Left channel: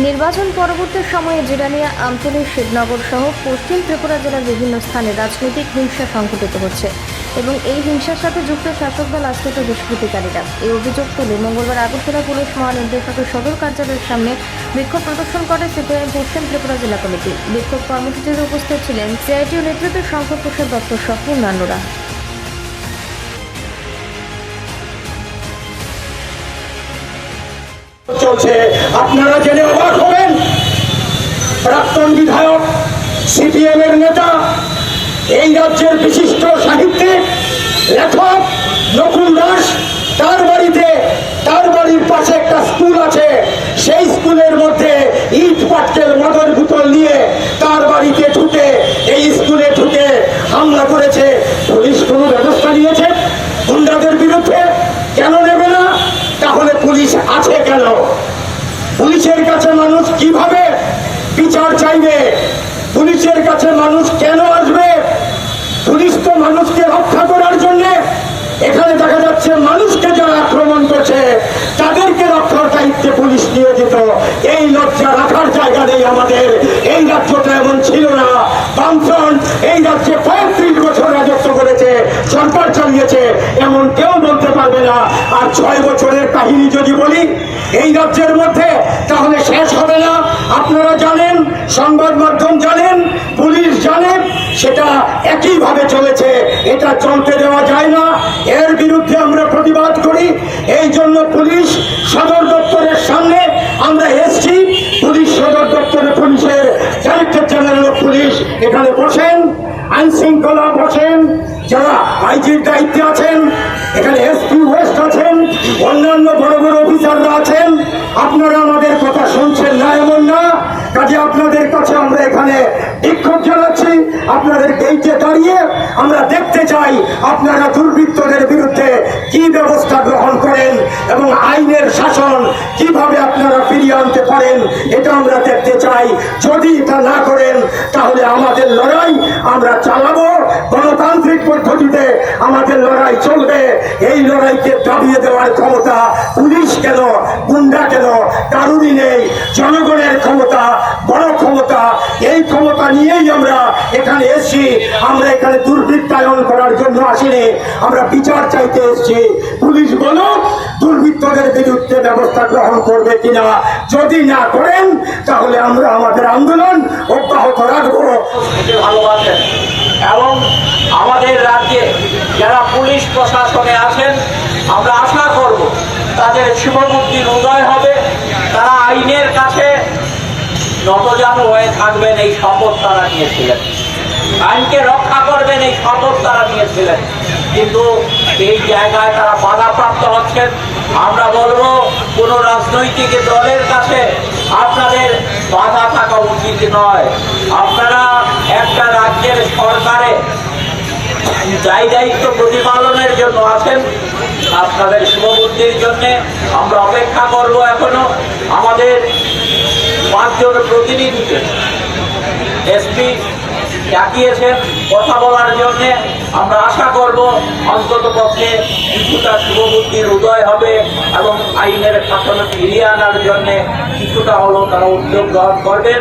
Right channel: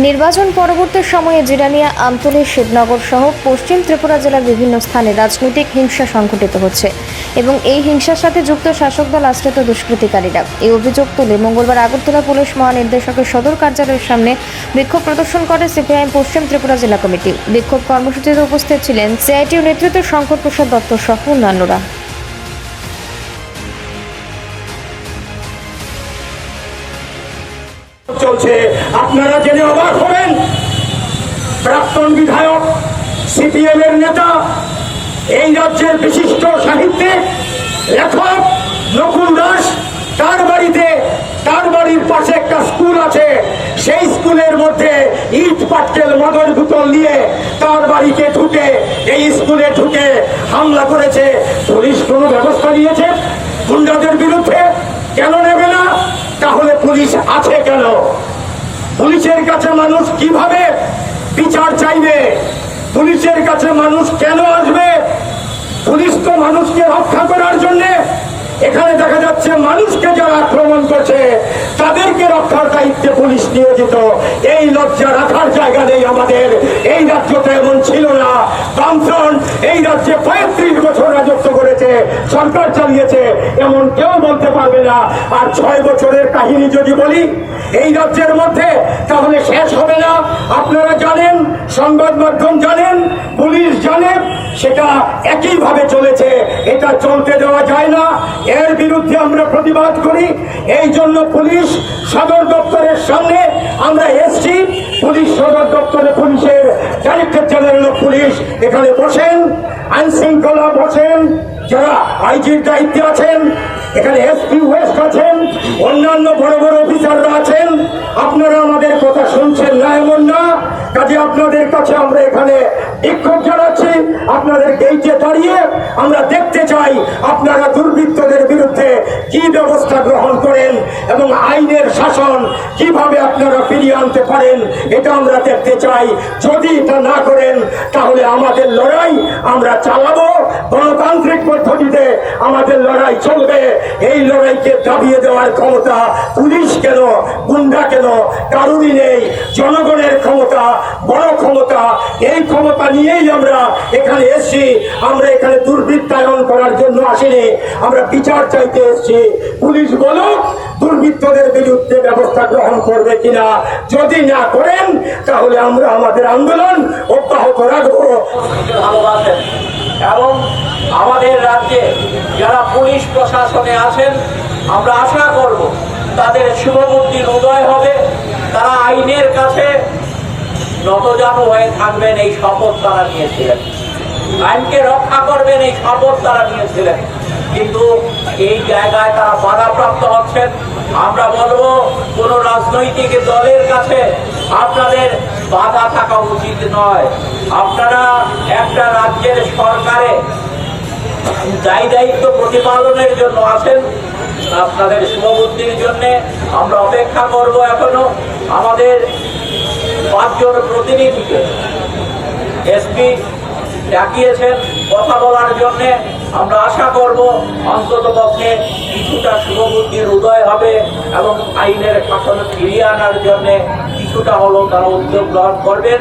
নির্বাচন পরবর্তী সময়ে জিরানিয়া, আমতলী, শিবনগর সহ পশ্চিম ত্রিপুরা জেলার বিভিন্ন স্থানে রাজনৈতিক হিংসা সংঘটিত হচ্ছে এবং এই হিংসার সাথে যুক্ত শাসক দল আশ্রিত দুষ্কৃতিকারীরা। এই অভিযোগ তুলে মঙ্গলবার আগরতলা পুলিশ মহানির্দেশকের সদর কার্যালয়ের সামনে বিক্ষোভ প্রদর্শন করে সিপিআইএম পশ্চিম ত্রিপুরা জেলা কমিটি। বিক্ষোভ কর্মসূচিতে উপস্থিত ছিলেন সিআইটিউ নেতৃত্বের শঙ্কর প্রসাদ দত্ত সহ অন্যান্যরা। চলছে আপনারা জেনে অবাক হবেন, প্রাক্তন বিধায়ক, সিপিএম এর নেতা, এই রাজ্যের বিশিষ্ট সাহিত্যিক লেখক নকুল দাস, তার বাড়ির পাশে একটা স্কুল আছে, সেই স্কুলের মধ্যে ইট পাটকেল মদের বোতল নিয়ে তার বাড়িতে ঢুকে, এই স্কুলে ঢুকে হামলা করেছে। পুলিশ কোনো ব্যবস্থা নিয়েছে গুন্ডাদের বিরুদ্ধে? কেন নেবে না? তাহলে পুলিশ আছে কেন? পুলিশের কাছে মানুষ কিভাবে বিচার চাইবে? পুলিশের কাছে মানুষ কেন আসবে? পুলিশ তো মানুষকে রক্ষা করার জন্য। এখানে দেখা যাচ্ছে মানুষকে যারা আক্রমণ করছে তাদেরকে রক্ষার দায়িত্বে পুলিশ নিয়োজিত। এই লজ্জা রাখার জায়গা নেই আমাদের। এই রাজ্যটা এমন ছিল না। বামফ্রন্ট এই রাজ্যে 35 বছর রাজত্ব করেছে, সরকার চালিয়েছে, এমন কেউ বলতে পারবে না। আর 6 বছরের কাহিনী যদি বলি এই রাজ্যের মধ্যে, তাহলে শেষ হবে না। আপনারা জানেন, সংবাদ মাধ্যম জানেন, পুলিশ জানেন, সেটা একইভাবে চলেছে। এটা চলতে দেওয়া যায় না। এর বিরুদ্ধে আমরা প্রতিবাদ করি। এই জন্য পুলিশ সদর দপ্তরের সামনে আমরা এসছি। পুলিশ সদর দপ্তরে পুলিশের ডাইরেক্টর জেনারেল অফ পুলিশ এখানে বসেন, আইন শৃঙ্খলা বসেন, যারা আইজির দায়িত্বে আছেন, এখানে এসপি ওয়েস্ট আছেন, অন্যান্য বড় বড় অফিসাররা আছেন। আপনারা আমাদের কথা শুনছেন না এমন না। কাজে আপনাদের কাছে আমরা এখানে বিক্ষোভ জানাচ্ছি। আপনাদের গেইটে দাঁড়িয়ে আমরা দেখতে চাই আপনারা দুর্বৃত্তদের বিরুদ্ধে কি ব্যবস্থা গ্রহণ করেন এবং আইনের শাসন কিভাবে আপনারা ফিরিয়ে আনতে পারেন, এটা আমরা দেখতে চাই। যদি এটা না করেন তাহলে আমাদের লড়াই আমরা চালাবো, গণতান্ত্রিক পদ্ধতিতে আমাদের লড়াই চলবে। এই লড়াইকে দাবিয়ে দেওয়ার ক্ষমতা পুলিশ কেন, গুন্ডা কেন, কারুরই নেই। জনগণের ক্ষমতা, বড় ক্ষমতা, এই ক্ষমতা নিয়েই আমরা এখানে এসেছি। আমরা এখানে দুর্বৃত্তায়ন করার জন্য আসিনি, আমরা বিচার চাইতে এসেছি। পুলিশ বলো দুর্বৃত্তদের বিরুদ্ধে ব্যবস্থা গ্রহণ করবে কিনা। যদি না করেন তাহলে আমরা আমাদের আন্দোলন অব্যাহত রাখবো। ভালোবাসেন এবং আমাদের রাজ্যে যারা পুলিশ প্রশাসনে আছেন, আমরা আশা করব তাদের শুভবুদ্ধির উদয় হবে, তারা আইনের কাছে নতজানু হয়ে থাকবেন। এই শপথ তারা নিয়েছিলেন, আইনকে রক্ষা করবেন, এই শপথ তারা নিয়েছিলেন। কিন্তু এই জায়গায় তারা বাধাপ্রাপ্ত হচ্ছেন। আমরা বলবো কোন রাজনৈতিক দলের কাছে আপনাদের বাধা থাকা উচিত নয়। আপনারা একটা রাজ্যের সরকারে দায় দায়িত্ব প্রতিপালনের জন্য আছেন। আপনাদের শুভবুদ্ধির জন্য আমরা অপেক্ষা করব। এখনো আমাদের 5 জন প্রতিনিধিকে এসপি ডাকিয়েছেন কথা বলার জন্য। আমরা আশা করব অন্তত পক্ষে কিছুটা শুভবুদ্ধির উদয় হবে এবং আইনের শাসন ফিরিয়ে আনার জন্য কিছুটা হলেও তারা উদ্যোগ গ্রহণ করবেন।